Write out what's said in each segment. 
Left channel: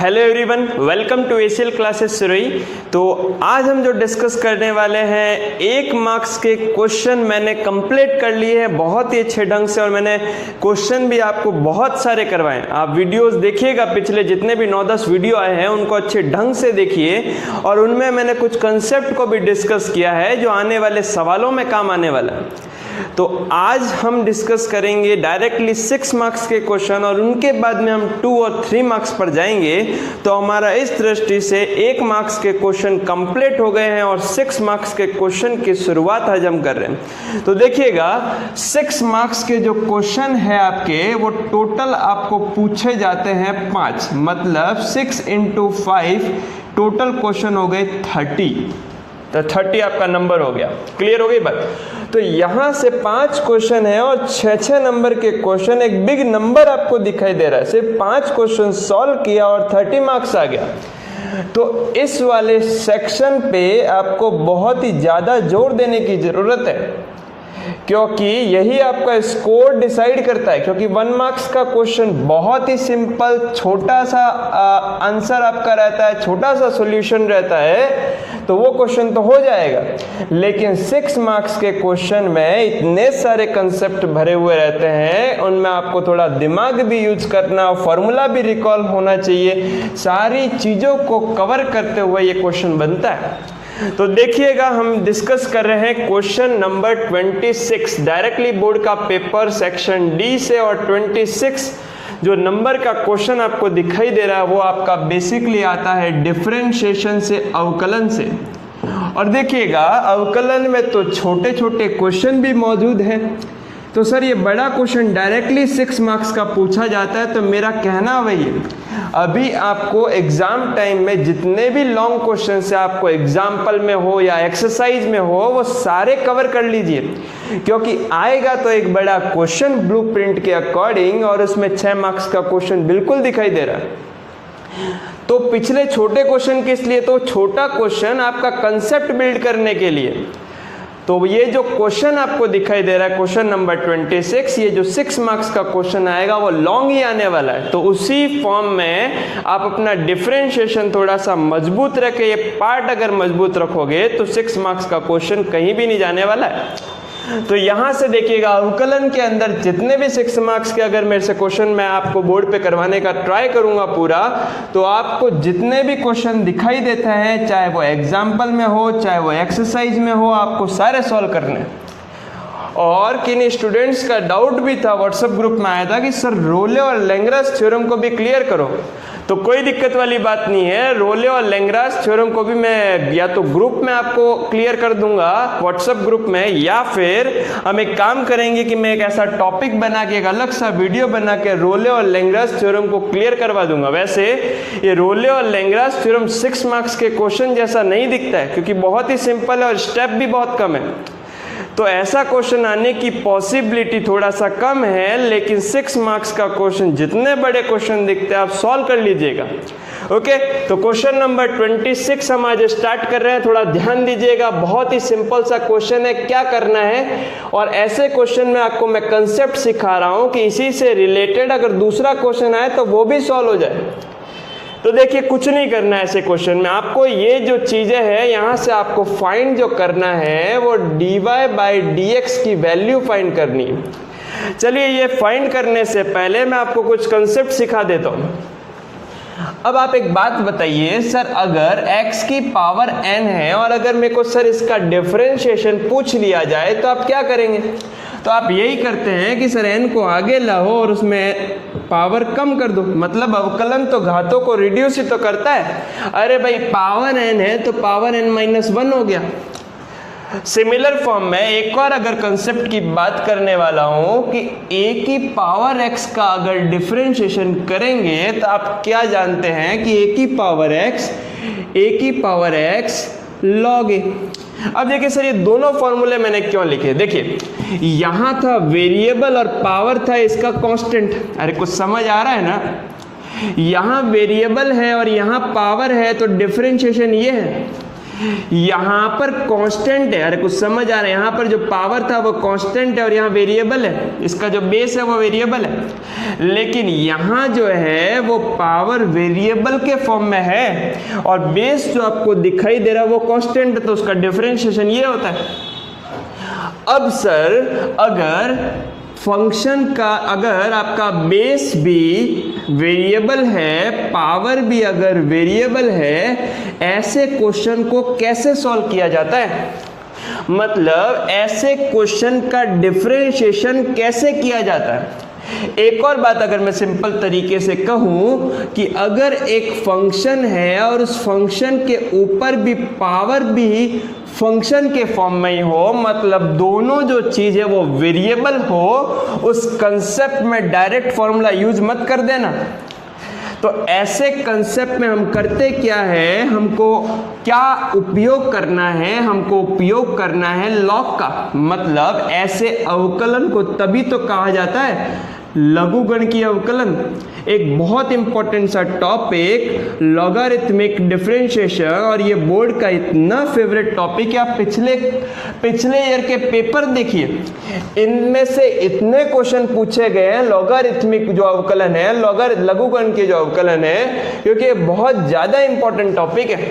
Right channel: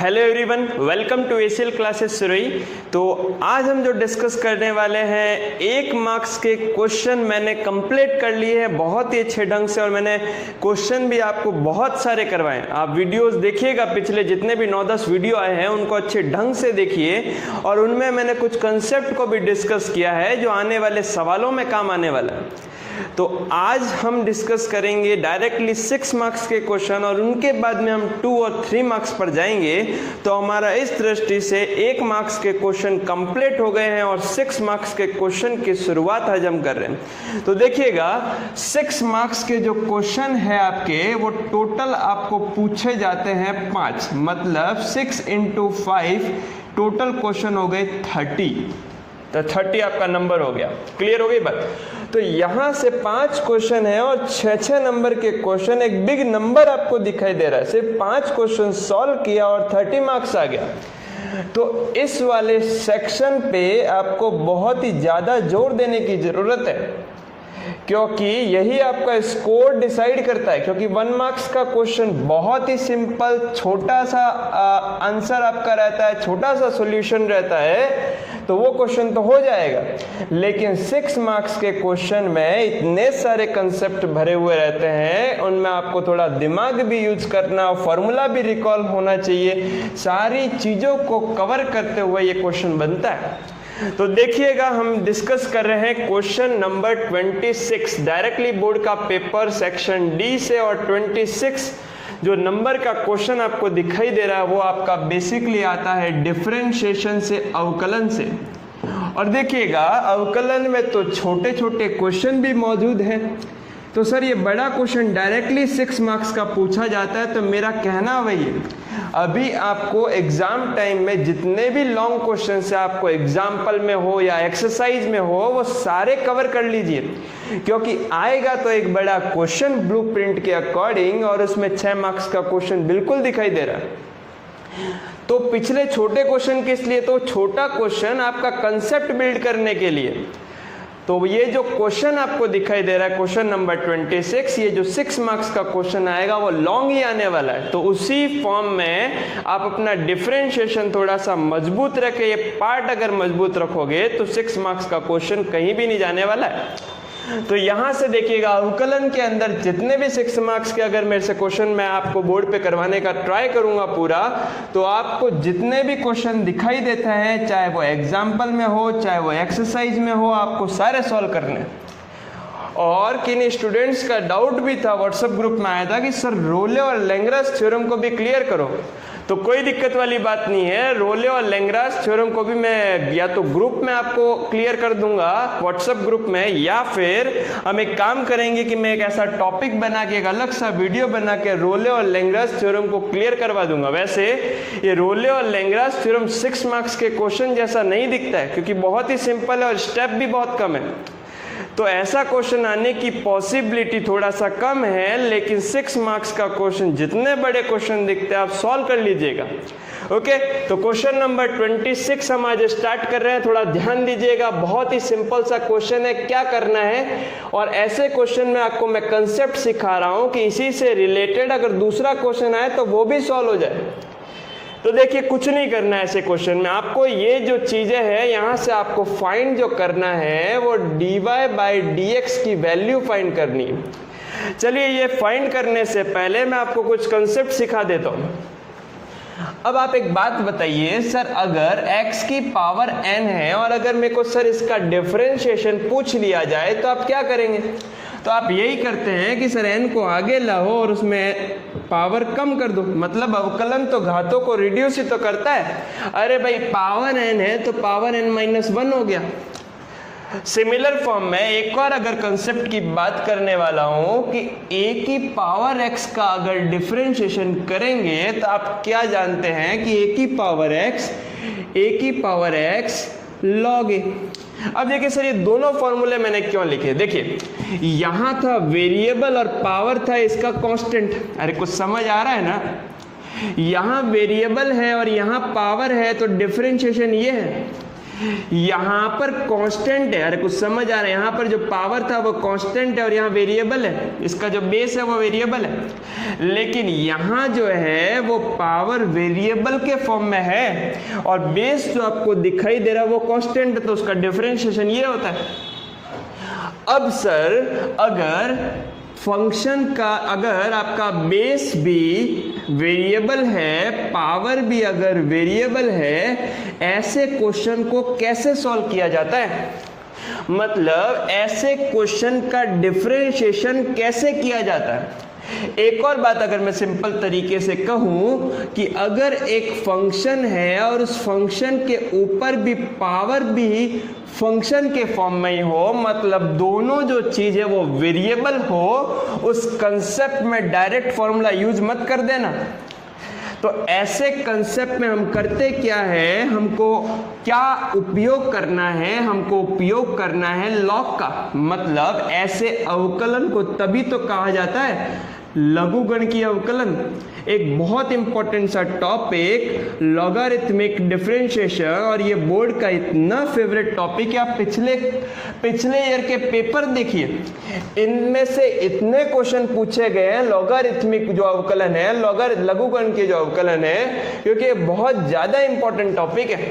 Hello everyone, welcome to ACL classes सुरई। तो आज हम जो डिस्कस करने वाले हैं 1 मार्क्स के क्वेश्चन मैंने कंप्लीट कर लिए हैं बहुत ही अच्छे ढंग से, और मैंने क्वेश्चन भी आपको बहुत सारे करवाए। आप वीडियोस देखिएगा, पिछले जितने भी 9-10 वीडियो आए हैं उनको अच्छे ढंग से देखिए, और उनमें मैंने कुछ कंसेप्ट को भी डिस्कस किया है जो आने वाले सवालों में काम आने वाला है। तो आज हम डिस्कस करेंगे डायरेक्टली 6 मार्क्स के क्वेश्चन, और उनके बाद में हम 2 और 3 मार्क्स पर जाएंगे। तो हमारा इस दृष्टि से 1 मार्क्स के क्वेश्चन कंप्लीट हो गए हैं और 6 मार्क्स के क्वेश्चन की शुरुआत आज हम कर रहे हैं। तो देखिएगा, 6 मार्क्स के जो क्वेश्चन है आपके, वो टोटल आपको पूछे जाते हैं 5, मतलब 6 × 5 टोटल क्वेश्चन हो गए 30। तो 30 आपका नंबर हो गया। क्लियर हो गई बात? तो यहां से 5 क्वेश्चन है और 6-6 नंबर के क्वेश्चन, एक बिग नंबर आपको दिखाई दे रहा है। सिर्फ 5 क्वेश्चन सॉल्व किया और 30 मार्क्स आ गया। तो इस वाले सेक्शन पे आपको बहुत ही ज्यादा जोर देने की जरूरत है, क्योंकि यही आपका स्कोर डिसाइड करता है। क्योंकि 1 मार्क्स का क्वेश्चन बहुत ही सिंपल, छोटा सा आंसर आपका रहता है, छोटा सा सॉल्यूशन रहता है, तो वो क्वेश्चन तो हो जाएगा। लेकिन 6 मार्क्स के क्वेश्चन में इतने सारे कंसेप्ट भरे हुए रहते हैं, उनमें आपको थोड़ा दिमाग भी यूज करना, फॉर्मूला भी रिकॉल होना चाहिए। सारी चीजों को कवर करते हुए ये क्वेश्चन बनता है। तो देखिएगा, हम डिस्कस कर रहे हैं क्वेश्चन नंबर 26 डायरेक्टली बोर्ड का पेपर सेक्शन डी से। और 26 जो नंबर का क्वेश्चन आपको दिखाई दे रहा है वो आपका बेसिकली आता है डिफरेंशिएशन से, अवकलन से। और देखिएगा, अवकलन में तो छोटे छोटे क्वेश्चन भी मौजूद हैं। तो सर ये बड़ा क्वेश्चन डायरेक्टली 6 मार्क्स का पूछा जाता है, तो मेरा कहना वही है, अभी आपको एग्जाम टाइम में जितने भी लॉन्ग क्वेश्चन से आपको एग्जाम्पल में हो या एक्सरसाइज में हो, वो सारे कवर कर लीजिए। क्योंकि आएगा तो एक बड़ा क्वेश्चन ब्लूप्रिंट के अकॉर्डिंग, और उसमें 6 मार्क्स का क्वेश्चन बिल्कुल दिखाई दे रहा है। तो पिछले छोटे क्वेश्चन किस लिए? तो छोटा क्वेश्चन आपका कंसेप्ट बिल्ड करने के लिए। तो ये जो क्वेश्चन आपको दिखाई दे रहा है, क्वेश्चन नंबर 26, ये जो 6 मार्क्स का क्वेश्चन आएगा वो लॉन्ग ही आने वाला है। तो उसी फॉर्म में आप अपना डिफरेंशिएशन थोड़ा सा मजबूत रखें। ये पार्ट अगर मजबूत रखोगे तो 6 मार्क्स का क्वेश्चन कहीं भी नहीं जाने वाला है। तो यहां से देखिएगा, अवकलन के अंदर जितने भी 6 मार्क्स के अगर मेरे से क्वेश्चन मैं आपको बोर्ड पे करवाने का ट्राई करूंगा पूरा, तो आपको जितने भी क्वेश्चन दिखाई देता है, चाहे वो एग्जाम्पल में हो, चाहे वो एक्सरसाइज में हो, आपको सारे सॉल्व करने। और किन स्टूडेंट्स का डाउट भी था, व्हाट्सएप ग्रुप में आया था कि सर रोले और लैंग्रास थ्योरम को भी क्लियर करो। तो कोई दिक्कत वाली बात नहीं है, रोले और लैंग्रास थ्योरम को भी मैं या तो ग्रुप में आपको क्लियर कर दूंगा व्हाट्सएप ग्रुप में, या फिर हम एक काम करेंगे कि मैं एक ऐसा टॉपिक बना के, एक अलग सा वीडियो बना के रोले और लैंग्रास थ्योरम को क्लियर करवा दूंगा। वैसे ये रोले और लैंग्रास थ्योरम 6 मार्क्स के क्वेश्चन जैसा नहीं दिखता है, क्योंकि बहुत ही सिंपल है और स्टेप भी बहुत कम है। तो ऐसा क्वेश्चन आने की पॉसिबिलिटी थोड़ा सा कम है। लेकिन 6 मार्क्स का क्वेश्चन, जितने बड़े क्वेश्चन दिखते हैं आप सॉल्व कर लीजिएगा। ओके, तो क्वेश्चन नंबर 26 हम आज स्टार्ट कर रहे हैं। थोड़ा ध्यान दीजिएगा, बहुत ही सिंपल सा क्वेश्चन है। क्या करना है, और ऐसे क्वेश्चन में आपको मैं कंसेप्ट सिखा रहा हूं कि इसी से रिलेटेड अगर दूसरा क्वेश्चन आए तो वो भी सॉल्व हो जाए। तो देखिए, कुछ नहीं करना है ऐसे क्वेश्चन में। आपको ये जो चीजें हैं, यहां से आपको फाइंड जो करना है वो dy/dx की वैल्यू फाइंड करनी है। चलिए, ये फाइंड करने से पहले मैं आपको कुछ कंसेप्ट सिखा देता हूं। अब आप एक बात बताइए, सर अगर x की पावर n है और अगर मेरे को सर इसका डिफरेंशिएशन पूछ लिया जाए तो आप क्या करेंगे? तो आप यही करते हैं कि सर n को आगे लाओ और उसमें पावर कम कर दो। मतलब अवकलन तो घातों को रिड्यूस ही तो करता है। अरे भाई, पावर n है तो पावर n-1 हो गया। सिमिलर फॉर्म में एक और अगर कंसेप्ट की बात करने वाला हूं कि a की पावर x का अगर डिफरेंशिएशन करेंगे तो आप क्या जानते हैं कि a की पावर x log a। अब देखिए सर, ये दोनों फॉर्मूले मैंने क्यों लिखे? देखिए, यहां था वेरिएबल और पावर था इसका कांस्टेंट। अरे कुछ समझ आ रहा है ना? यहां वेरिएबल है और यहां पावर है, तो डिफरेंशिएशन ये है। यहां पर कांस्टेंट है, अरे कुछ समझ आ रहा है, यहां पर जो पावर था वो कांस्टेंट है और यहां वेरिएबल है, इसका जो बेस है वो वेरिएबल है, लेकिन यहां जो है वो पावर वेरिएबल के फॉर्म में है और बेस जो आपको दिखाई दे रहा है वो कांस्टेंट है, तो उसका डिफरेंशिएशन ये होता है। अब सर अगर फंक्शन का, अगर आपका बेस भी वेरिएबल है, पावर भी अगर वेरिएबल है, ऐसे क्वेश्चन को कैसे सॉल्व किया जाता है, मतलब ऐसे क्वेश्चन का डिफरेंशिएशन कैसे किया जाता है। एक और बात अगर मैं सिंपल तरीके से कहूं कि अगर एक फंक्शन है और उस फंक्शन के ऊपर भी पावर भी फंक्शन के फॉर्म में ही हो, मतलब दोनों जो चीज है वो वेरिएबल हो, उस कंसेप्ट में डायरेक्ट फॉर्मूला यूज मत कर देना। तो ऐसे कंसेप्ट में हम करते क्या है, हमको क्या उपयोग करना है, हमको उपयोग करना है लॉग का, मतलब ऐसे अवकलन को तभी तो कहा जाता है लघुगणकीय अवकलन। एक बहुत इंपॉर्टेंट सा टॉपिक लॉगरिथमिक डिफरेंशिएशन, और ये बोर्ड का इतना फेवरेट टॉपिक है। आप पिछले ईयर के पेपर देखिए, इनमें से इतने क्वेश्चन पूछे गए हैं लॉगरिथमिक जो अवकलन है, लघुगणकीय जो अवकलन है, क्योंकि ये बहुत ज्यादा इंपॉर्टेंट टॉपिक है।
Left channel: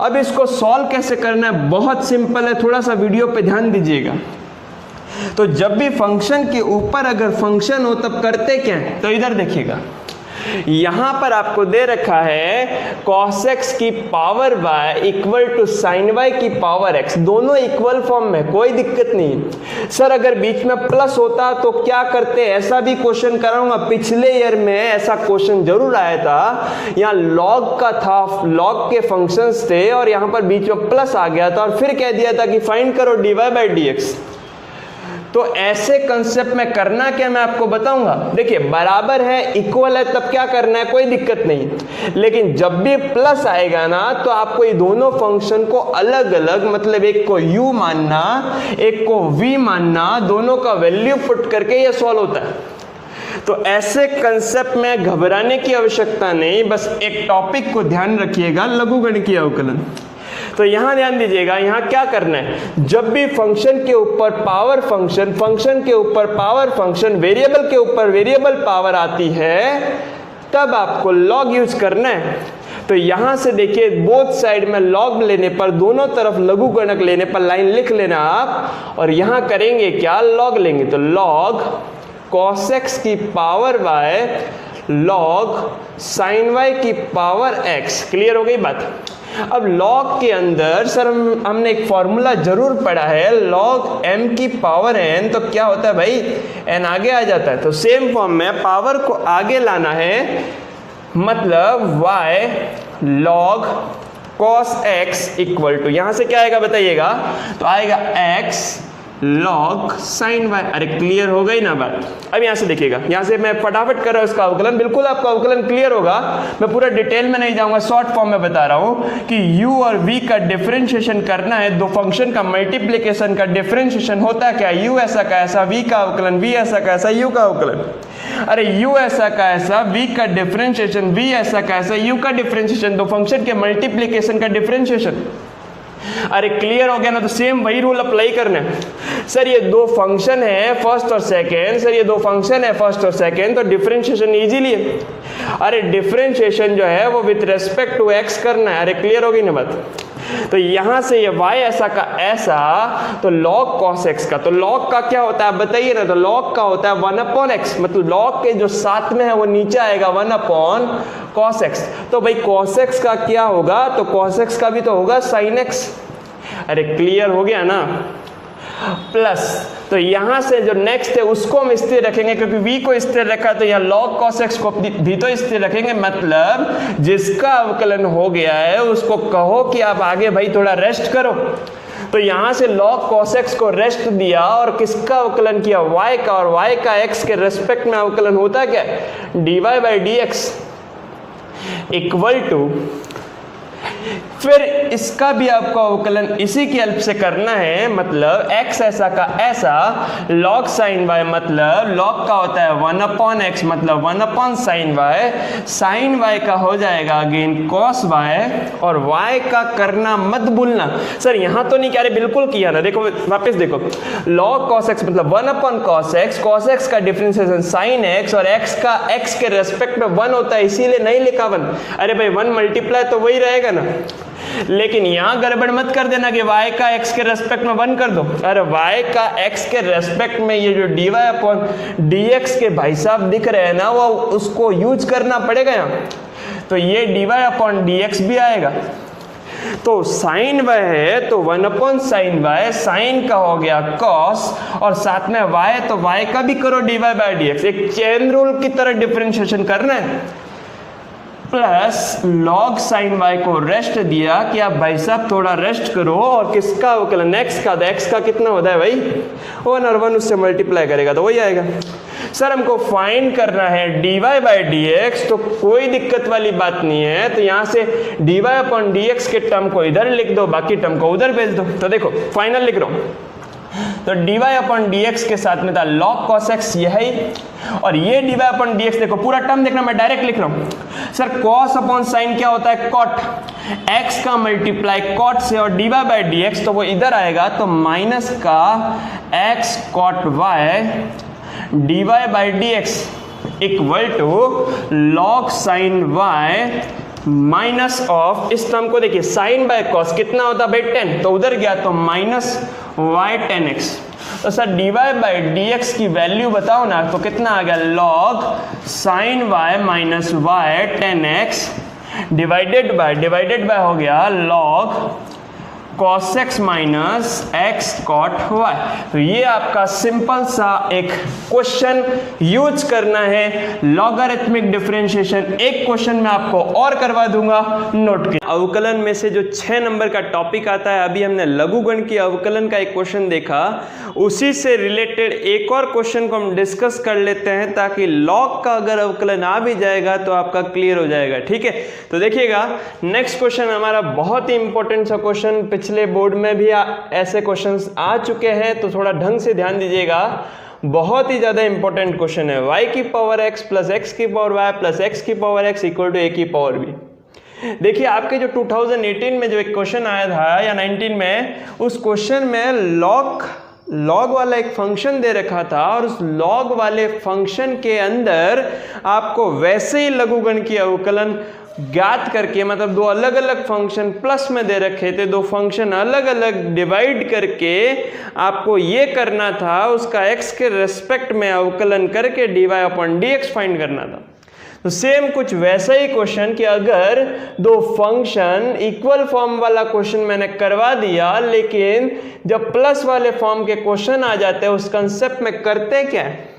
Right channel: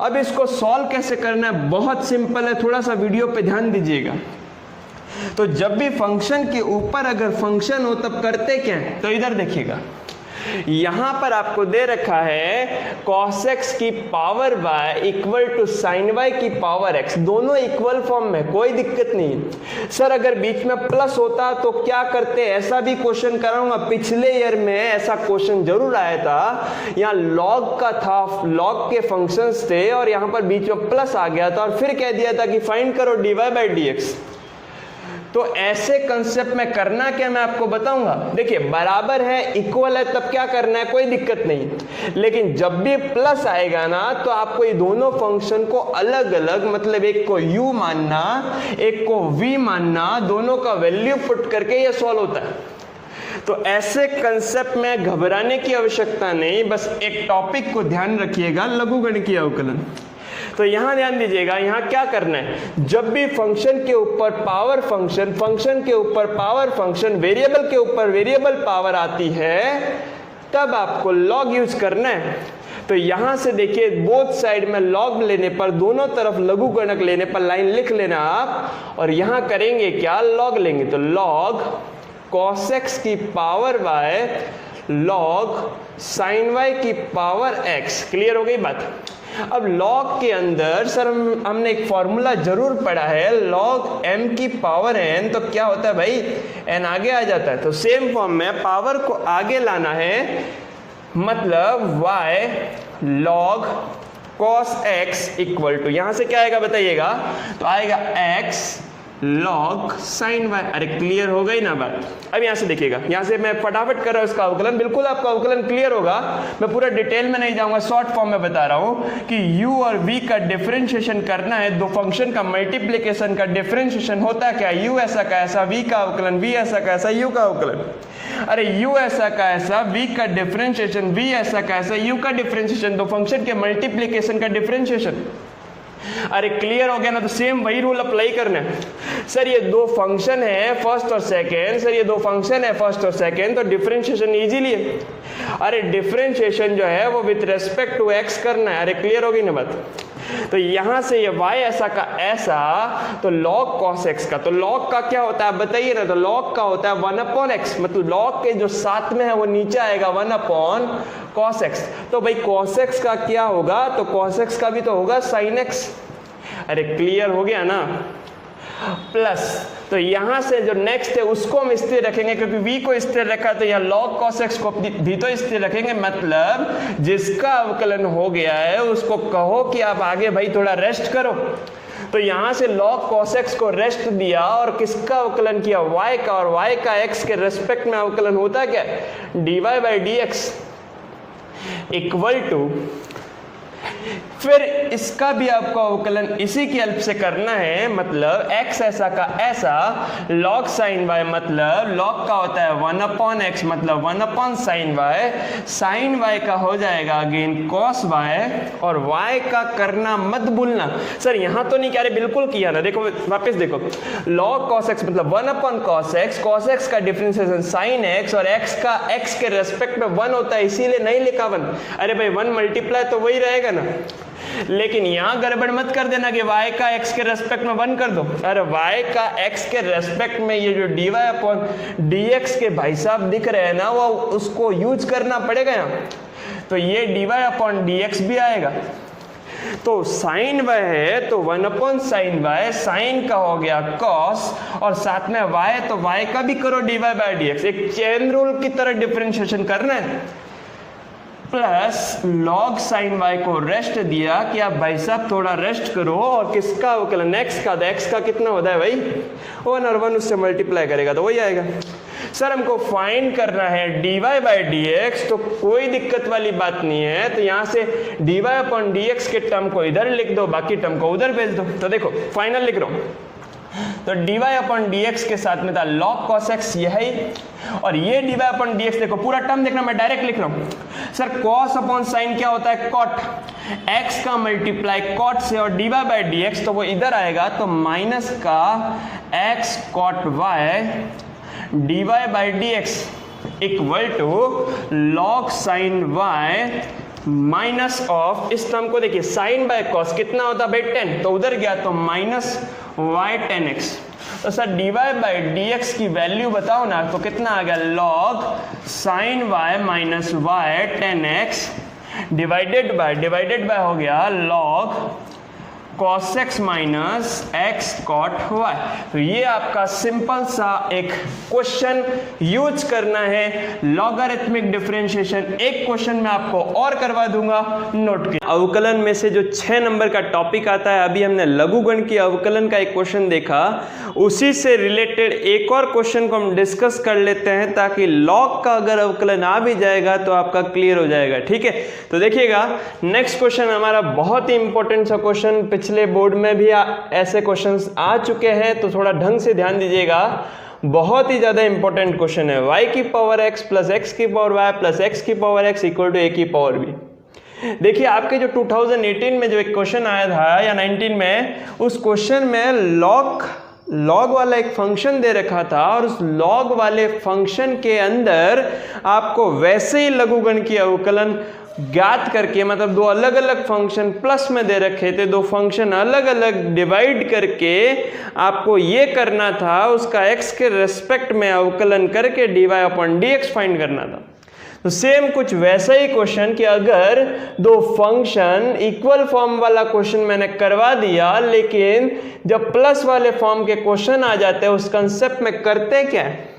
अब इसको सॉल्व कैसे करना है, बहुत सिंपल है, थोड़ा सा वीडियो पे ध्यान दीजिएगा। तो जब भी फंक्शन के ऊपर अगर फंक्शन हो तब करते क्या है, तो इधर देखिएगा, यहां पर आपको दे रखा है cos x की power y equal to sin y की पावर x, दोनों इक्वल फॉर्म में, कोई दिक्कत नहीं। सर अगर बीच में प्लस होता तो क्या करते, ऐसा भी क्वेश्चन कराऊंगा, पिछले ईयर में ऐसा क्वेश्चन जरूर आया था। यहाँ लॉग का था, लॉग के फंक्शंस थे और यहां पर बीच में प्लस आ गया था और फिर कह दिया था कि फाइंड करो dy बाई dx। तो ऐसे कंसेप्ट में करना क्या मैं आपको बताऊंगा। देखिए बराबर है, इक्वल है, तब क्या करना है, कोई दिक्कत नहीं, लेकिन जब भी प्लस आएगा ना तो आपको ये दोनों फंक्शन को अलग अलग, मतलब एक को u मानना, एक को v मानना, दोनों का वैल्यू पुट करके ये सॉल्व होता है। तो ऐसे कंसेप्ट में घबराने की आवश्यकता नहीं, बस एक टॉपिक को ध्यान रखिएगा, लघुगणकीय अवकलन। तो यहां ध्यान दीजिएगा, यहां क्या करना है, जब भी फंक्शन के ऊपर पावर फंक्शन, फंक्शन के ऊपर पावर फंक्शन, वेरिएबल के ऊपर वेरिएबल पावर आती है, तब आपको लॉग यूज करना है। तो यहां से देखिए बोथ साइड में लॉग लेने पर, दोनों तरफ लघुगणक लेने पर लाइन लिख लेना आप, और यहां करेंगे क्या, लॉग लेंगे। तो लॉग cos x की power y log sin y की पावर x। क्लियर हो गई बात। अब लॉग के अंदर सर हमने एक फॉर्मूला जरूर पढ़ा है, लॉग m की पावर n, तो क्या होता है भाई, n आगे आ जाता है। तो सेम फॉर्म में पावर को आगे लाना है, मतलब y log cos x equal to, यहां से क्या आएगा बताइएगा, तो आएगा x लॉग sin y। अरे क्लियर हो गई ना बात। अब यहां से देखिएगा, यहां से मैं फटाफट कर रहा हूं इसका अवकलन, बिल्कुल आपका अवकलन क्लियर होगा, मैं पूरा डिटेल में नहीं जाऊंगा, शॉर्ट फॉर्म में बता रहा हूं कि u और v का डिफरेंशिएशन करना है, दो फंक्शन का मल्टीप्लिकेशन का डिफरेंशिएशन होता है क्या, u ऐसा का ऐसा, v का अवकलन, v ऐसा का ऐसा, u का अवकलन। अरे u ऐसा का ऐसा, v का डिफरेंशिएशन, v ऐसा का ऐसा, u का डिफरेंशिएशन, दो फंक्शन के मल्टीप्लिकेशन का डिफरेंशिएशन। अरे क्लियर हो गया ना। तो सेम वही रूल अप्लाई करना है। सर ये दो फंक्शन है फर्स्ट और सेकंड, सर ये दो फंक्शन है फर्स्ट और सेकंड, तो डिफरेंशिएशन इजीली है। अरे डिफरेंशिएशन जो है वो विद रेस्पेक्ट टू एक्स करना है। अरे क्लियर हो गई ना बात। तो यहां से ये y ऐसा का ऐसा, तो log cos x का, तो log का क्या होता है बताइए ना, तो log का होता है 1/x, मतलब log के जो साथ में है वो नीचे आएगा 1/cos x। तो भाई cos x का क्या होगा, तो cos x का भी तो होगा sin x। अरे क्लियर हो गया ना। प्लस तो यहां से जो नेक्स्ट है उसको हम स्थिर रखेंगे, क्योंकि v को स्थिर रखा है तो यहाँ log cos x को भी तो स्थिर रखेंगे। मतलब जिसका अवकलन हो गया है उसको कहो कि आप आगे भाई थोड़ा रेस्ट करो। तो यहां से log cos x को रेस्ट दिया और किसका अवकलन किया, y का, और y का x के रेस्पेक्ट में अवकलन होता है क्या, dy by dx equal to फिर इसका भी आपको अवकलन इसी की हेल्प से करना है, मतलब x ऐसा का ऐसा log sin y, मतलब log का होता है 1/x, मतलब 1/sin y, sin y का हो जाएगा अगेन cos y, और y का करना मत भूलना। सर यहाँ तो नहीं कह रहे, बिल्कुल किया ना, देखो वापस देखो, log cos x मतलब 1/cos x, cos x का डिफरेंशिएशन sin x, और x का x के रेस्पेक्ट में 1 होता है इसीलिए नहीं लिखा 1। अरे भाई 1 मल्टीप्लाई तो वही रहेगा ना, लेकिन यहां गड़बड़ मत कर देना कि y का x के रेस्पेक्ट में 1 कर दो। अरे y का x के रेस्पेक्ट में ये जो dy/dx के भाई साहब दिख रहे हैं ना, वो उसको यूज करना पड़ेगा यहाँ, तो ये dy/dx भी आएगा। तो sin y है तो 1/sin y, sin का हो गया cos, और साथ में y है तो y का भी करो dy/dx, एक चेन रूल की तरह डिफरेंशिएशन करना है, प्लस log sin y को रेस्ट दिया कि आप भाई साहब थोड़ा रेस्ट करो, और किसका अवकलन x का, तो x का कितना होता है भाई 1, और 1 उससे मल्टीप्लाई करेगा तो वही आएगा। सर हमको फाइंड करना है dy/dx, तो कोई दिक्कत वाली बात नहीं है, तो यहाँ से dy/dx के टर्म को इधर लिख दो, बाकी टर्म को उधर भेज दो। तो देखो फाइनल लिख रहा हूँ, तो dy/dx के साथ में था log cos x, यह है, और ये dy/dx देखो पूरा टर्म देखना, मैं डायरेक्ट लिख रहा हूँ। सर cos/sin क्या होता है cot, x का मल्टीप्लाई cot से, और dy/dx तो वो इधर आएगा, तो माइनस का x cot y dy/dx equal to log sin y minus of, इस टर्म को देखिए sin बाय cos कितना होता है भाई 10, तो उधर गया तो माइनस y 10x। तो सर dy/dx की वैल्यू बताओ ना, तो कितना आ गया log sin y minus y 10x divided by हो गया log cos x minus x cot y। तो ये आपका सिंपल सा एक क्वेश्चन यूज करना है, लॉगरिथमिक डिफरेंशिएशन। एक क्वेश्चन मैं आपको और करवा दूंगा, नोट कीजिए। अवकलन में से जो 6 नंबर का टॉपिक आता है, अभी हमने लघुगण की अवकलन का एक क्वेश्चन देखा, उसी से रिलेटेड एक और क्वेश्चन को हम डिस्कस कर लेते हैं, ताकि लॉग का अगर अवकलन आ भी जाएगा तो आपका क्लियर हो जाएगा। ठीक है, तो देखिएगा नेक्स्ट क्वेश्चन हमारा बहुत ही इंपॉर्टेंट सा क्वेश्चन, पिछले बोर्ड में भी ऐसे क्वेश्चंस आ चुके हैं, तो थोड़ा ढंग से ध्यान दीजिएगा, बहुत ही ज्यादा इंपॉर्टेंट क्वेश्चन है। y की पावर x प्लस x की पावर y प्लस x की power x equal to a की पावर b। देखिए आपके जो 2018 में जो एक क्वेश्चन आया था या 19 में, उस क्वेश्चन में लॉग वाला एक फंक्शन दे रखा था, और उस लॉग वाले फंक्शन के अंदर आपको वैसे ही लघुगण की अवकलन ज्ञात करके, मतलब दो अलग अलग फंक्शन प्लस में दे रखे थे, दो फंक्शन अलग अलग डिवाइड करके आपको ये करना था, उसका x के रेस्पेक्ट में अवकलन करके dy/dx फाइंड करना था। तो सेम कुछ वैसा ही क्वेश्चन कि अगर दो फंक्शन इक्वल फॉर्म वाला क्वेश्चन मैंने करवा दिया, लेकिन जब प्लस वाले फॉर्म के क्वेश्चन आ जाते हैं उस कंसेप्ट में करते क्या है,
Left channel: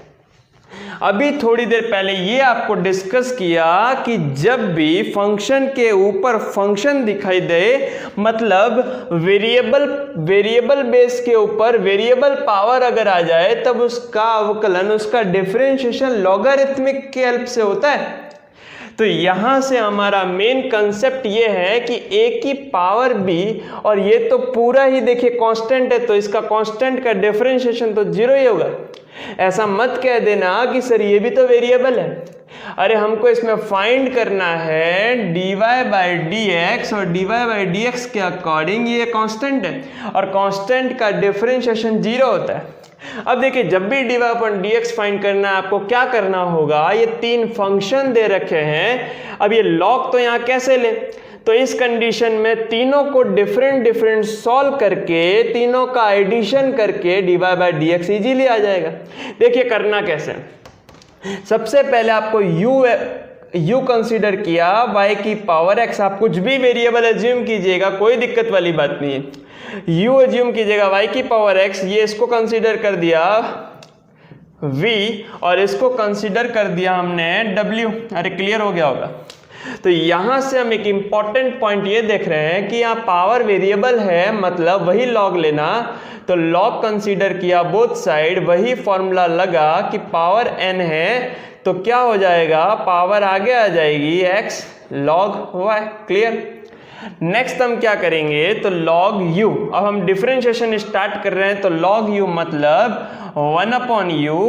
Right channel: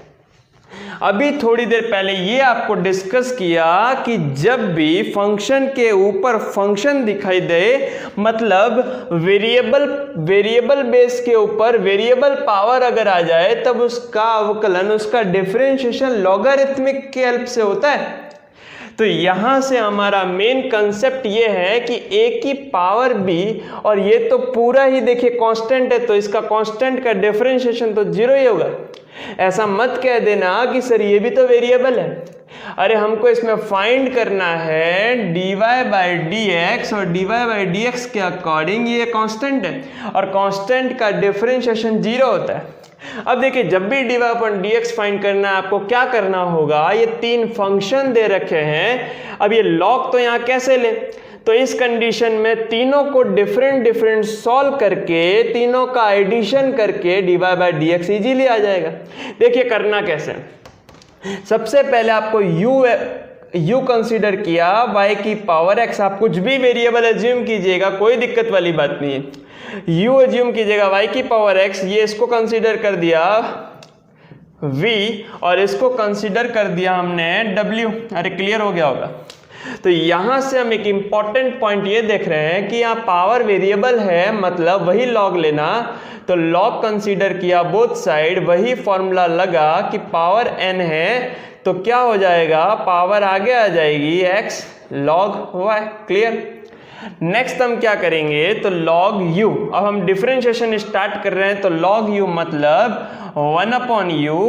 अभी थोड़ी देर पहले ये आपको डिस्कस किया कि जब भी फंक्शन के ऊपर फंक्शन दिखाई दे, मतलब वेरिएबल बेस के ऊपर वेरिएबल पावर अगर आ जाए, तब उसका अवकलन, उसका डिफरेंशिएशन लॉगरिथमिक के हेल्प से होता है। तो यहां से हमारा मेन कंसेप्ट ये है कि a की पावर b, और ये तो पूरा ही देखिए कांस्टेंट है, तो इसका कांस्टेंट का डिफरेंशिएशन तो 0 ही होगा। ऐसा मत कह देना कि सर ये भी तो वेरिएबल है। अरे हमको इसमें फाइंड करना है dy/dx, और dy/dx के अकॉर्डिंग ये कांस्टेंट है, और कांस्टेंट का डिफरेंशिएशन 0 होता है। अब देखिए जब भी dy/dx फाइंड करना है, आपको क्या करना होगा, ये 3 फंक्शन दे रखे हैं। अब ये लॉग तो यहाँ कैसे ले, तो इस कंडीशन में तीनों को डिफरेंट सॉल्व करके, तीनों का एडिशन करके dy/dx इजीली आ जाएगा। देखिए करना कैसे, सबसे पहले आपको u कंसीडर किया, y की पावर x, आप कुछ भी वेरिएबल एज्यूम कीजिएगा, कोई दिक्कत वाली बात नहीं है। u एज्यूम कीजिएगा y की पावर x, ये इसको कंसीडर कर दिया v, और इसको कंसीडर कर दिया हमने w। अरे क्लियर हो गया होगा। तो यहां से हम एक इंपॉर्टेंट पॉइंट ये देख रहे हैं कि यहाँ पावर वेरिएबल है, मतलब वही लॉग लेना, तो लॉग कंसीडर किया बोथ साइड, वही फॉर्मूला लगा कि पावर n है, तो क्या हो जाएगा, पावर आगे आ जाएगी x log y। Clear. Next हम क्या करेंगे, तो log u, अब हम डिफरेंशिएशन स्टार्ट कर रहे हैं, तो log u मतलब 1/u,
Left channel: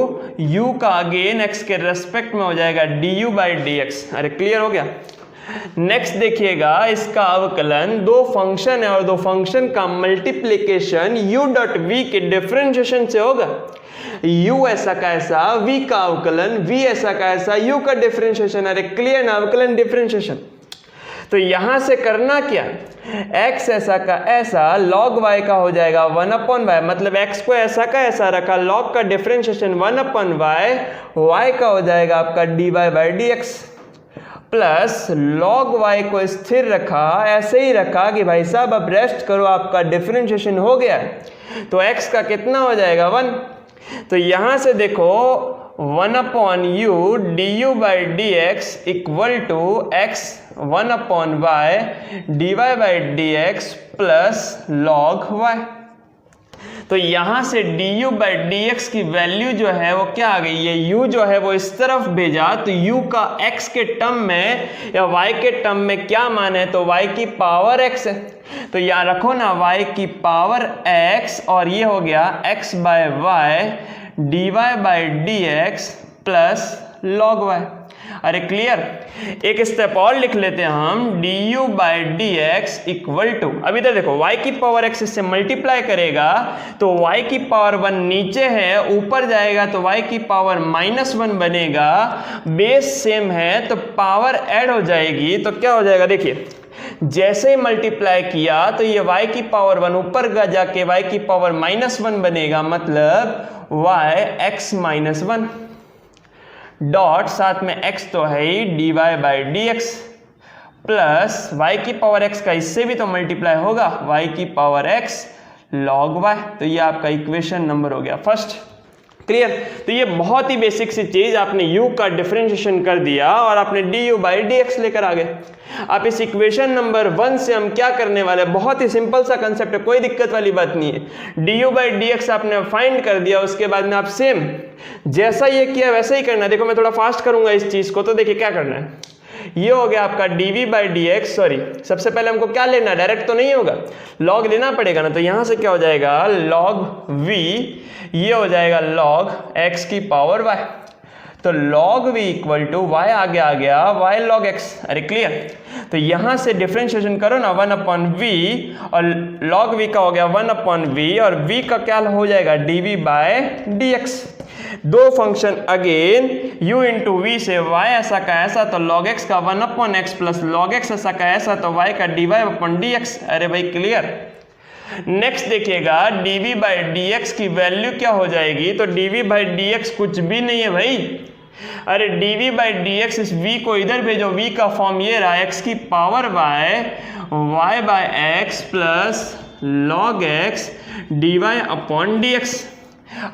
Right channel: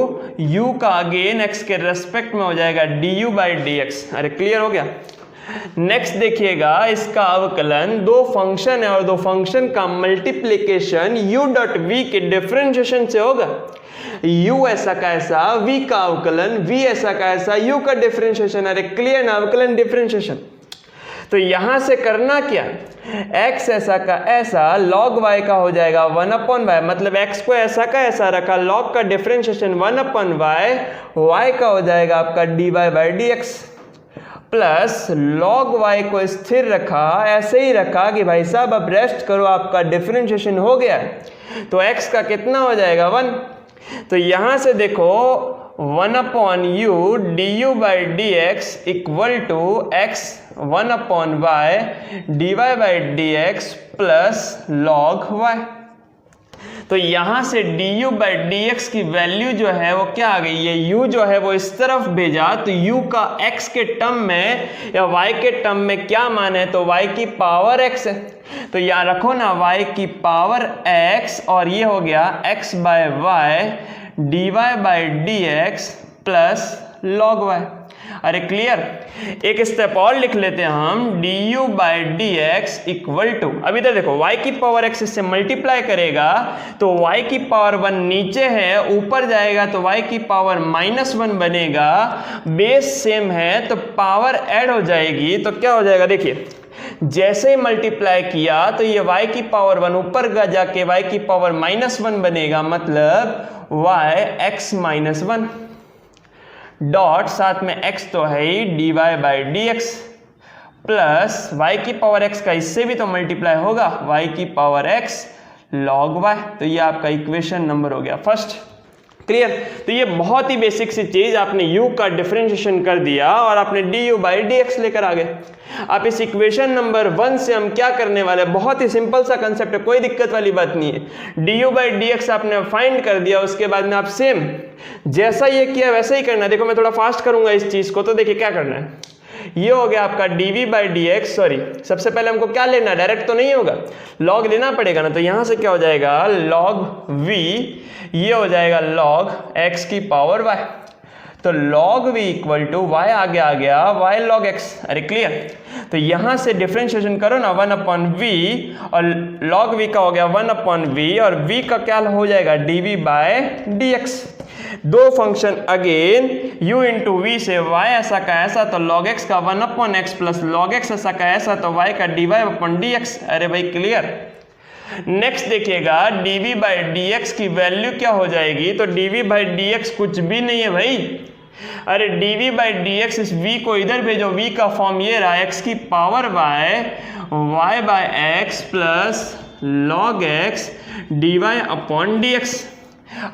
u का अगेन x के रेस्पेक्ट में हो जाएगा du/dx। अरे क्लियर हो गया। नेक्स्ट देखिएगा, इसका अवकलन, दो फंक्शन है और दो फंक्शन का मल्टीप्लिकेशन u.v के डिफरेंशिएशन से होगा। u ऐसा का ऐसा, v का अवकलन, v ऐसा का ऐसा, u का डिफरेंशिएशन। अरे क्लियर ना, अवकलन डिफरेंशिएशन। तो यहां से करना क्या, x ऐसा का ऐसा log y का हो जाएगा 1/y, मतलब x को ऐसा का ऐसा रखा, log का डिफरेंशिएशन 1/y, y का हो जाएगा आपका dy/dx, प्लस log y को स्थिर रखा, ऐसे ही रखा कि भाई साहब अब रेस्ट करो, आपका डिफरेंशिएशन हो गया, तो x का कितना हो जाएगा 1। तो यहां से देखो 1/u du/dx equal to x 1/y dy/dx plus log y। तो यहां से du/dx की वैल्यू जो है वो क्या आ गई, ये u जो है वो इस तरफ भेजा, तो u का x के टर्म में या y के टर्म में क्या मान है, तो y की पावर x है। तो यहाँ रखो ना y की पावर x, और ये हो गया x/y dy/dx plus log y। अरे क्लियर। एक स्टेप और लिख लेते हैं हम, du/dx इक्वल टू, अब इधर देखो y की पावर x इससे मल्टीप्लाई करेगा तो y की पावर 1 नीचे है, ऊपर जाएगा तो y की पावर -1 बनेगा, बेस सेम है तो पावर ऐड हो जाएगी। तो क्या हो जाएगा, देखिए जैसे ही मल्टीप्लाई किया तो ये y की पावर 1 ऊपर जाके y की पावर -1 बनेगा, मतलब y x-1 डॉट साथ में x तो है ही dy/dx प्लस y की पावर x का इससे भी तो मल्टीप्लाई होगा, y की पावर x log y। तो ये आपका इक्वेशन नंबर हो गया फर्स्ट। क्लियर। तो ये बहुत ही बेसिक सी चीज, आपने u का डिफरेंशिएशन कर दिया और आपने du/dx लेकर आ गए। आप इस इक्वेशन नंबर 1 से हम क्या करने वाले, बहुत ही सिंपल सा कंसेप्ट है, कोई दिक्कत वाली बात नहीं है। du/dx आपने फाइंड कर दिया, उसके बाद में आप सेम जैसा ये किया वैसे ही करना। देखो मैं थोड़ा फास्ट करूंगा इस चीज को, तो देखिए क्या करना है, ये हो गया आपका dv/dx, सॉरी सबसे पहले हमको क्या लेना, डायरेक्ट तो नहीं होगा, log लेना पड़ेगा ना। तो यहां से क्या हो जाएगा log v, ये हो जाएगा log x की पावर y। तो log v equal to y आगे आ गया y log x। अरे क्लियर। तो यहां से डिफरेंशिएशन करो ना 1/v, और log v का हो गया 1/v, और v का क्या हो जाएगा dv/dx। दो function again u into V से y ऐसा का ऐसा, तो log x का 1/x प्लस log x ऐसा का ऐसा, तो y का dy/dx। अरे भाई क्लियर। नेक्स्ट देखिएगा dv/dx की वैल्यू क्या हो जाएगी, तो dv/dx कुछ भी नहीं है भाई, अरे dv/dx इस v को इधर भेजो, v का फॉर्म ये रहा x की power y/x plus log x dy/dx।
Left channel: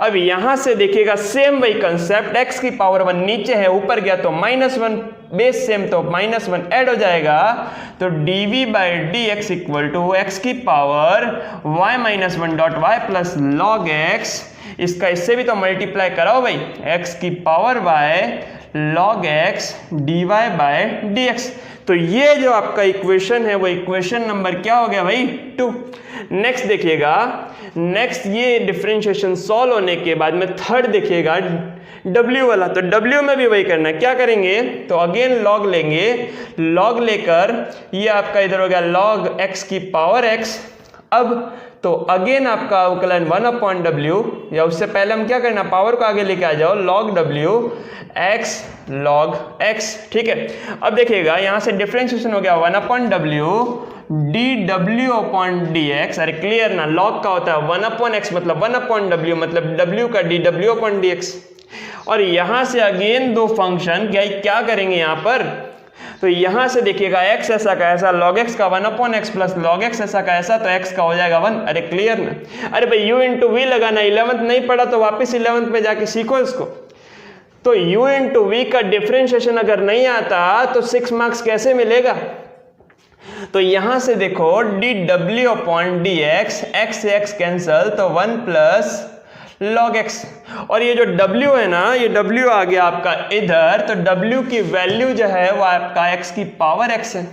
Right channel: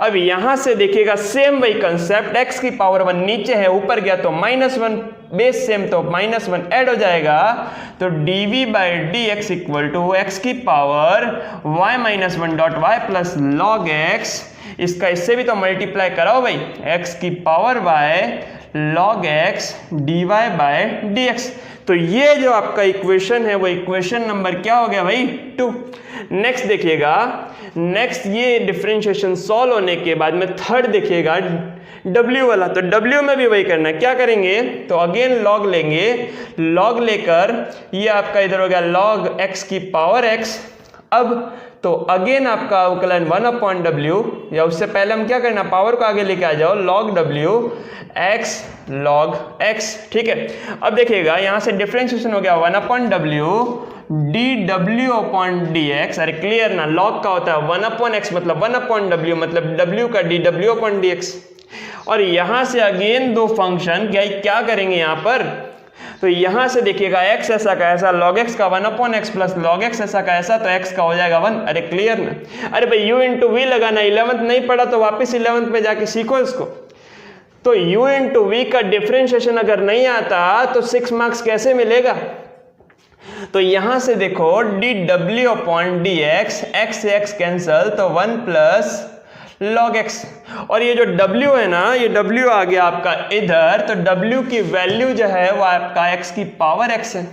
अब यहां से देखिएगा सेम वही कंसेप्ट, x की पावर 1 नीचे है, ऊपर गया तो -1, बेस सेम तो -1 ऐड हो जाएगा। तो dv/dx इक्वल टू x की power y-1 dot y plus log x, इसका इससे भी तो मल्टीप्लाई कराओ भाई, x की power y log x dy/dx। तो ये जो आपका इक्वेशन है वो इक्वेशन नंबर क्या हो गया भाई 2। नेक्स्ट देखिएगा, नेक्स्ट ये डिफरेंशिएशन सॉल्व होने के बाद में थर्ड देखिएगा w वाला, तो w में भी वही करना है। क्या करेंगे, तो अगेन log लेंगे, log लेकर ये आपका इधर हो गया log x की पावर x। अब तो अगेन आपका अवकलन 1/w, या उससे पहले हम क्या करना, पावर को आगे लेके आ जाओ, log w x log x। ठीक है। अब देखिएगा यहाँ से डिफरेंशिएशन हो गया 1/w dw/dx। अरे क्लियर ना, log का होता है 1/x मतलब 1/w, मतलब w का dw/dx। और यहां से अगेन दो फंक्शन क्या करेंगे यहाँ पर, तो यहां से देखिएगा x ऐसा का ऐसा, log x का 1/x प्लस log x ऐसा का ऐसा, तो x का हो जाएगा 1। अरे क्लियर ना। अरे भाई u इंटू वी लगाना, 11th नहीं पढ़ा तो वापस 11th पे जाके सीखो इसको। तो u इंटू वी का डिफरेंशिएशन अगर नहीं आता तो 6 मार्क्स कैसे मिलेगा। तो यहां से देखो dw/dx, x से x कैंसल, तो 1 प्लस log x, और ये जो w है ना, ये w आ गया आपका इधर, तो w की वैल्यू जो है वो आपका x की पावर x है।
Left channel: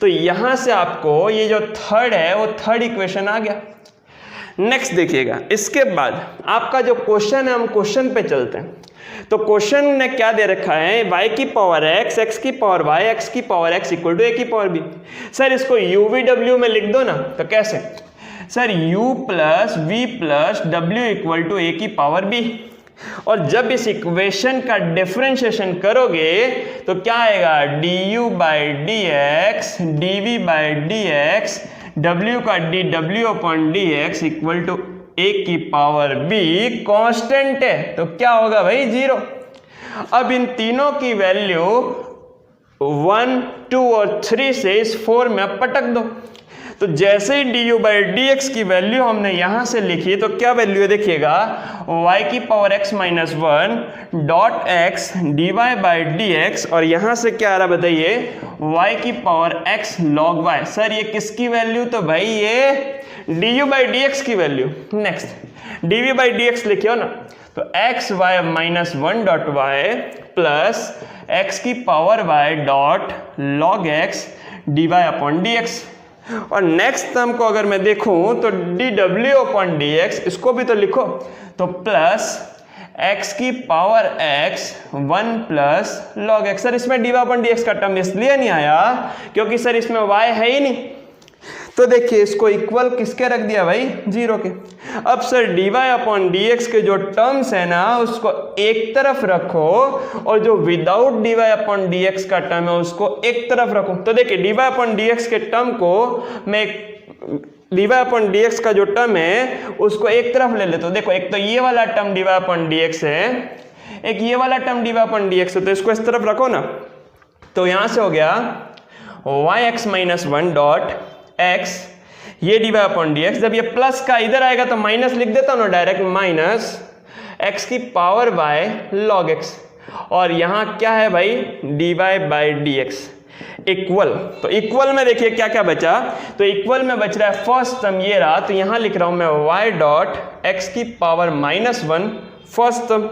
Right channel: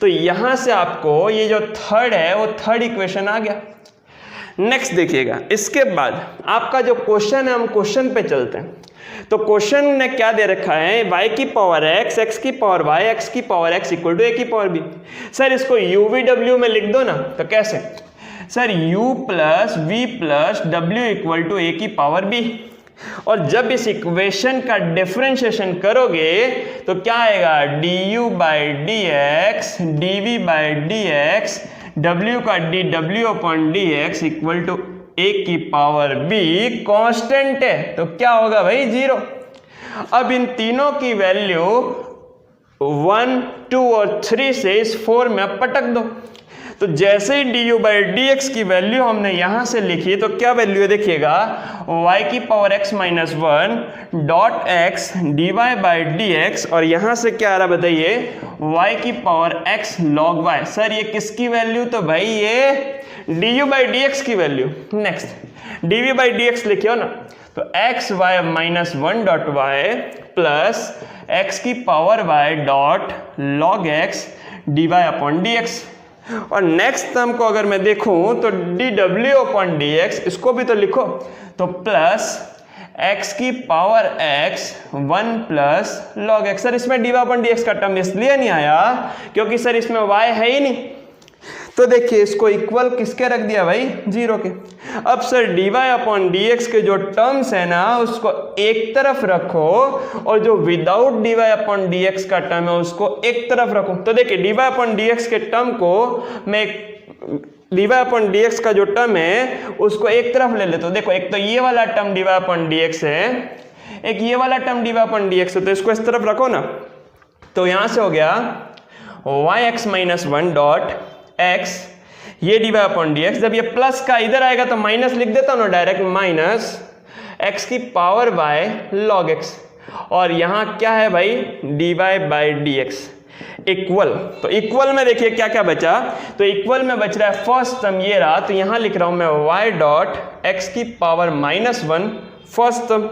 तो यहां से आपको ये जो थर्ड है वो थर्ड इक्वेशन आ गया। नेक्स्ट देखिएगा, इसके बाद आपका जो क्वेश्चन है, हम क्वेश्चन पे चलते हैं। तो क्वेश्चन ने क्या दे रखा है, y की पावर x, x की पावर y, x की power x equal to a की पावर b। सर इसको UVW में लिख दो ना, तो कैसे sir, u plus V plus W equal to a की पावर b। और जब इस इक्वेशन का डिफरेंशिएशन करोगे तो क्या आएगा, du by D X, dv by D X, w का dw upon D X equal to a की पावर b। कांस्टेंट है तो क्या होगा भाई, 0। अब इन तीनों की वैल्यू 1, 2 और 3 से इस 4 में पटक दो। तो जैसे ही du बाई डी एक्स की वैल्यू हमने यहां से लिखी तो क्या वैल्यू है देखिएगा, y की power x minus 1 dot X D Y by D X, और यहां से क्या आ रहा बताइए, y की power x log y। Sir ये किसकी वैल्यू, तो भाई ये du बाई डी एक्स की value. Next dv by D X लिखियो ना, तो x y minus 1 dot y plus x की power y dot log x D Y upon D X. और नेक्स्ट टर्म को अगर मैं देखूं तो dw अपॉन dx, इसको भी तो लिखो, तो प्लस x की power x 1 plus log x। Sir इसमें dy अपॉन dx का टर्म इसलिए नहीं आया क्योंकि सर इसमें y है ही नहीं। तो देखिए इसको इक्वल किसके रख दिया भाई, 0 के। अब सर dy अपॉन dx के जो टर्म्स है ना उसको एक तरफ रखो, और जो विदाउट dy अपॉन dx का टर्म है उसको एक तरफ रखो। तो देखिए dy अपॉन dx के टर्म को मैं, dy अपॉन dx का जो टर्म है उसको एक तरफ ले लेते। तो देखो एक तो ये वाला टर्म dy अपॉन dx है, एक ये वाला टर्म dy अपॉन dx है, तो इसको इस तरफ रखो ना। तो यहां से हो गया yx माइनस 1 डॉट x, ये dy अपॉन dx। जब ये प्लस का इधर आएगा तो माइनस लिख देता हूं ना डायरेक्ट, माइनस x की पावर y log x, और यहां क्या है भाई, dy बाई dx इक्वल। तो इक्वल में देखिए क्या क्या बचा, तो इक्वल में बच रहा है फर्स्ट टर्म ये रहा, तो यहां लिख रहा हूं मैं y डॉट x की power minus 1 first term.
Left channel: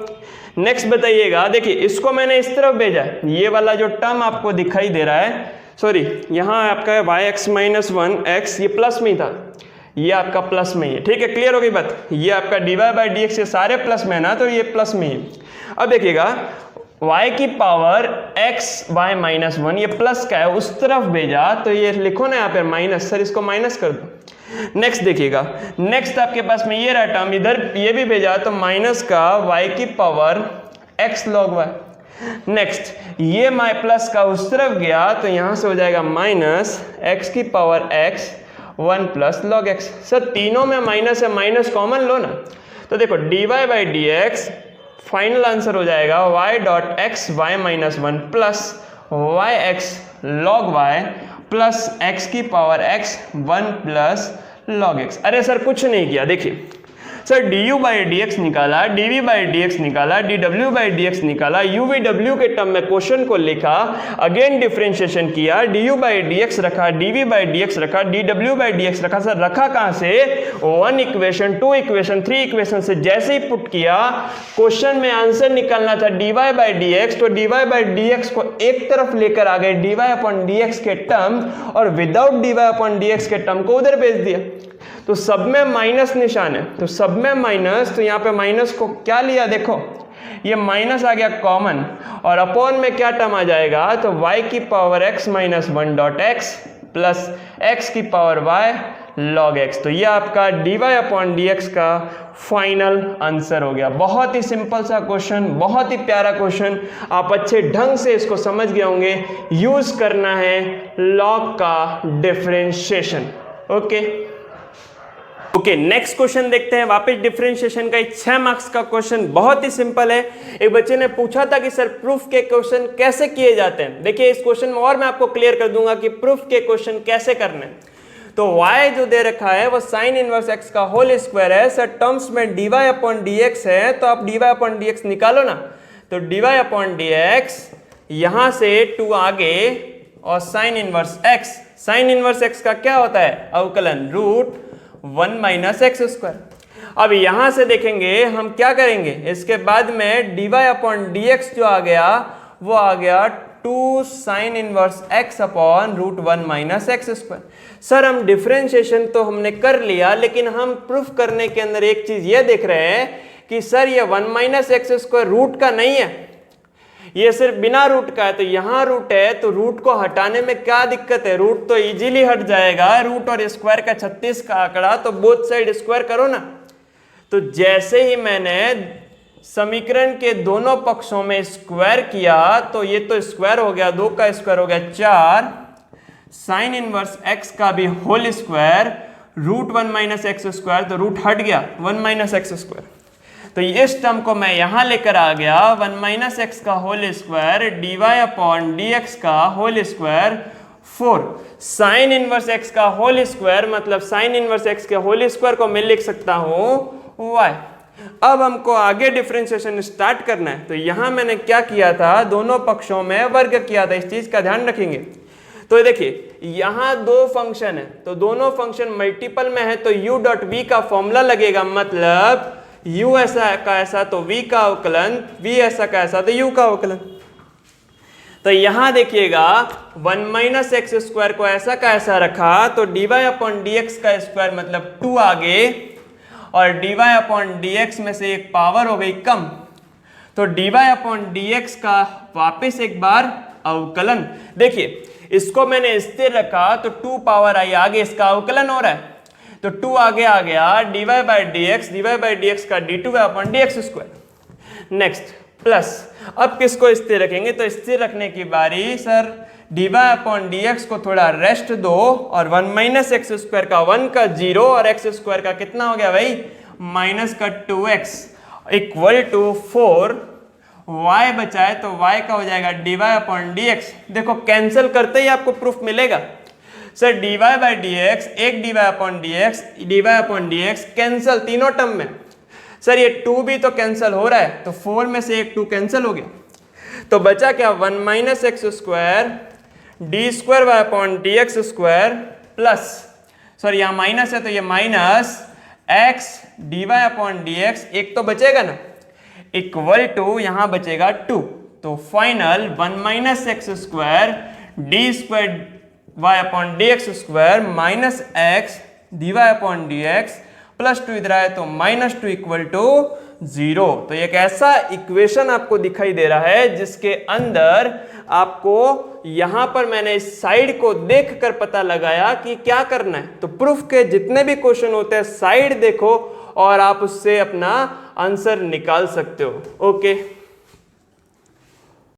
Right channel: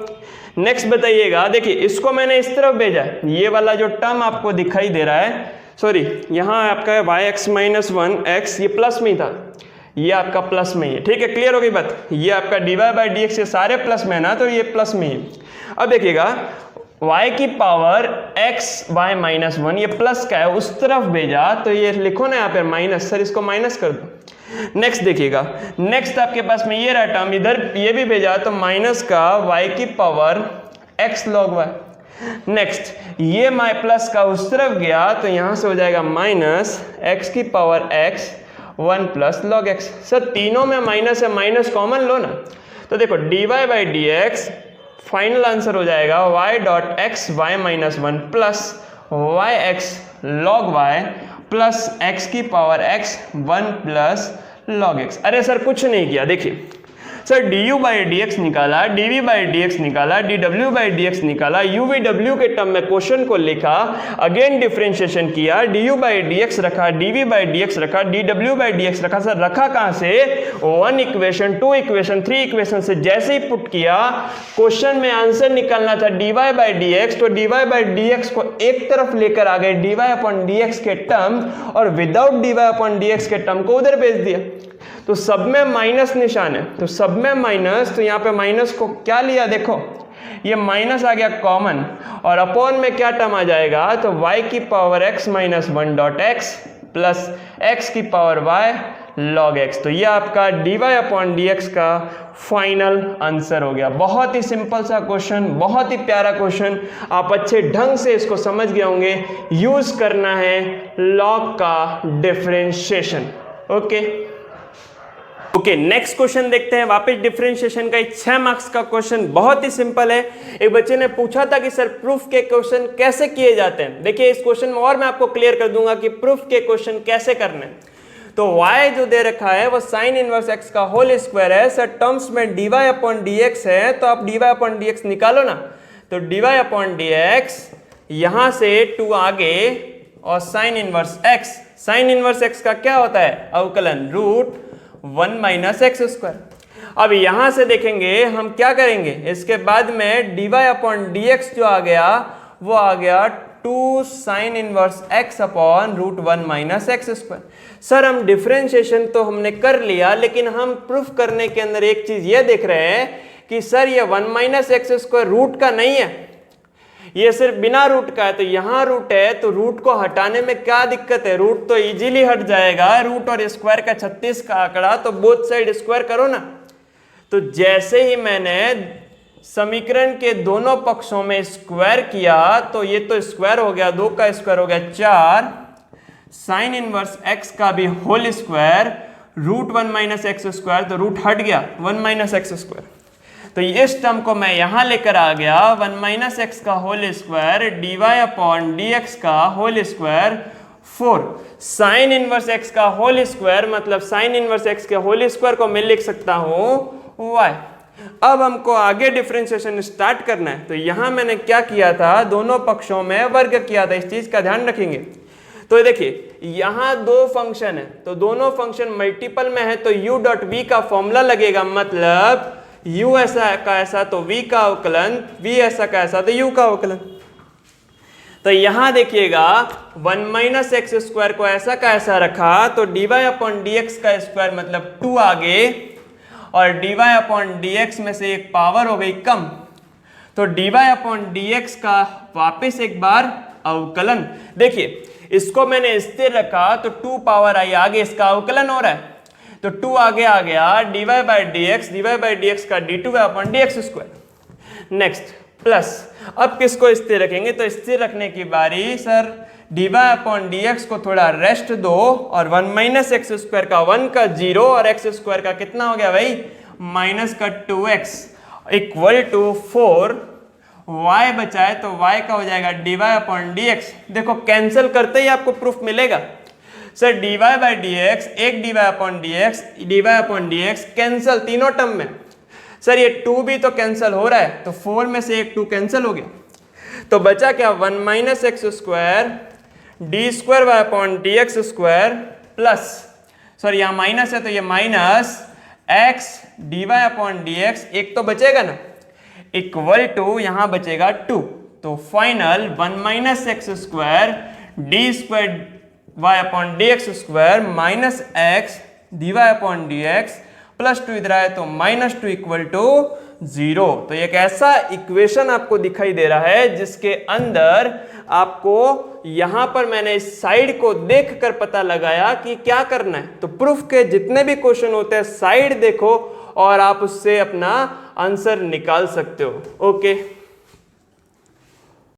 Next बताइएगा, देखिए इसको मैंने इस तरफ भेजा है, ये वाला जो टर्म आपको दिखाई दे रहा है, सॉरी यहाँ आपका है वाई एक्स माइनस 1 एक्स, ये प्लस में ही था, ये आपका प्लस में ही है, ठीक है, क्लियर हो गई बात। ये आपका D Y by D X, ये सारे प्लस में है ना, तो ये प्लस में ही। अब देखिएगा y की पावर x y माइनस 1, ये प्लस का है, उस तरफ भेजा तो ये लिखो ना यहाँ पे माइनस, सर इसको माइनस कर दो। नेक्स्ट देखिएगा, नेक्स्ट आपके पास में ये रहा टर्म, इधर ये भी भेजा तो माइनस का y की power x log y। Next ये माई प्लस का उस तरफ गया तो यहां से हो जाएगा माइनस x की power x 1 plus log x। Sir तीनों में माइनस है, माइनस कॉमन लो ना, तो देखो dy by D X, final answer हो जाएगा y dot X Y minus 1 plus Y X log Y plus x की power x 1 plus log x। अरे सर कुछ नहीं किया, देखिए sir du by D X निकाला, dv बाई डी एक्स निकाला, dw बाई डी एक्स निकाला, uvw के टर्म में क्वेश्चन को लिखा, अगेन डिफरेंशिएशन किया, du बाई डी एक्स रखा, dv बाई डी एक्स रखा, dw बाई डी एक्स रखा। सर रखा कहाँ से, 1 इक्वेशन 2 इक्वेशन 3 इक्वेशन से जैसे ही पुट किया, क्वेश्चन में आंसर निकालना था dy बाई डी एक्स, तो dy बाई डी एक्स को एक तरफ लेकर आ गए dy अपॉन डी एक्स के टर्म, और without dy upon D x के टर्म को उधर भेज दिया। तो सब में माइनस निशान है, तो सब में माइनस, तो यहाँ पे माइनस को क्या लिया, देखो ये माइनस आ गया कॉमन, और अपॉन में क्या टर्म आ जाएगा, तो y की power x minus 1 dot x plus x की पावर y log x। तो ये आपका dy अपॉन डी एक्स का फाइनल आंसर हो गया। बहुत ही सिंपल सा क्वेश्चन, बहुत ही प्यारा क्वेश्चन, आप अच्छे ढंग से इसको समझ गए होंगे। यूज करना है लॉग का डिफरेंशिएशन। ओके, नेक्स्ट क्वेश्चन देखते हैं। वापस डिफरेंशिएशन का 6 मार्क्स का क्वेश्चन, बहुत ही सिंपल है। एक बच्चे ने पूछा था कि सर प्रूफ के क्वेश्चन कैसे किए जाते हैं। देखिए इस क्वेश्चन में और मैं आपको क्लियर कर दूंगा कि प्रूफ के क्वेश्चन कैसे करने हैं। तो y जो दे रखा है वो साइन इनवर्स x का होल स्क्वायर है। सर टर्म्स में dy अपॉन dx है, तो आप dy अपॉन dx निकालो ना, तो dy अपॉन dx यहां से 2 आगे और sine inverse x, sine inverse x का क्या होता है, अवकलन रूट 1 माइनस एक्स स्क्वायर। अब यहां से देखेंगे हम क्या करेंगे, इसके बाद में dy अपॉन dx जो आ गया वो आ गया 2 sin inverse x upon root 1 minus X square. Sir हम डिफरेंशिएशन तो हमने कर लिया, लेकिन हम प्रूफ करने के अंदर एक चीज ये देख रहे हैं कि सर ये 1 माइनस एक्स स्क्वायर रूट का नहीं है, ये सिर्फ बिना रूट का है। तो यहाँ रूट है, तो रूट को हटाने में क्या दिक्कत है? रूट तो इजीली हट जाएगा। रूट और स्क्वायर का 36 का आंकड़ा, तो बोथ साइड स्क्वायर करो ना। तो जैसे ही मैंने समीकरण के दोनों पक्षों में स्क्वायर किया, तो ये तो स्क्वायर हो गया, 2 का स्क्वायर हो गया 4 साइन इनवर्स x का भी whole square root 1 minus X square, तो रूट हट गया 1 माइनस एक्स स्क्वायर। तो इस टर्म को मैं यहां लेकर आ गया 1 माइनस एक्स का whole square d Y upon D x का whole square 4 sine inverse x का होल स्क्वायर, मतलब साइन इनवर्स एक्स के होल स्क्वायर को मैं लिख सकता हूं y। अब हमको आगे डिफरेंशिएशन स्टार्ट करना है। तो यहां मैंने क्या किया था, दोनों पक्षों में वर्ग किया था, इस चीज का ध्यान रखेंगे। तो देखिए यहां दो फंक्शन है, तो दोनों फंक्शन मल्टीपल में है, तो u डॉट v का फॉर्मूला लगेगा, मतलब u ऐसा का ऐसा तो v का अवकलन, v ऐसा का ऐसा तो u का अवकलन। तो यहां देखिएगा 1 माइनस एक्स स्क्वायर को ऐसा का ऐसा रखा, तो D Y upon D x का स्क्वायर मतलब 2 आगे, और D Y upon D X में से एक पावर हो गई कम, तो D Y upon D x का वापिस एक बार अवकलन। देखिए इसको मैंने स्थिर रखा, तो 2 पावर आई आगे, इसका अवकलन हो रहा है, तो 2 आगे आ गया d Y by D x का d two upon D x square. Next plus, अब किसको स्थिर रखेंगे, तो स्थिर रखने की बारी sir d Y upon D x को थोड़ा रेस्ट दो, और 1 माइनस एक्स स्क्वायर का 1 का 0 और एक्स स्क्वायर का कितना हो गया भाई माइनस का 2x इक्वल टू 4, y बचाए तो y का हो जाएगा d Y upon D x. देखो कैंसिल करते ही आपको प्रूफ मिलेगा। Sir d Y by D x, एक d Y upon D x cancel तीनों टर्म में। सर ये 2 भी तो कैंसिल हो रहा है, तो 4 में से एक 2 कैंसिल हो गया, तो बचा क्या 1 minus X square D square Y upon D x square plus, sorry यहाँ माइनस है तो ये minus X D Y upon D x, एक तो बचेगा ना, इक्वल टू यहाँ बचेगा 2। तो final 1 minus X square D square Y upon D x square minus X D Y upon D X plus 2 इधर आए तो माइनस 2 इक्वल टू 0। तो एक ऐसा इक्वेशन आपको दिखाई दे रहा है जिसके अंदर आपको यहां पर मैंने इस साइड को देखकर पता लगाया कि क्या करना है। तो प्रूफ के जितने भी क्वेश्चन होते हैं साइड देखो और आप उससे अपना आंसर निकाल सकते हो। ओके।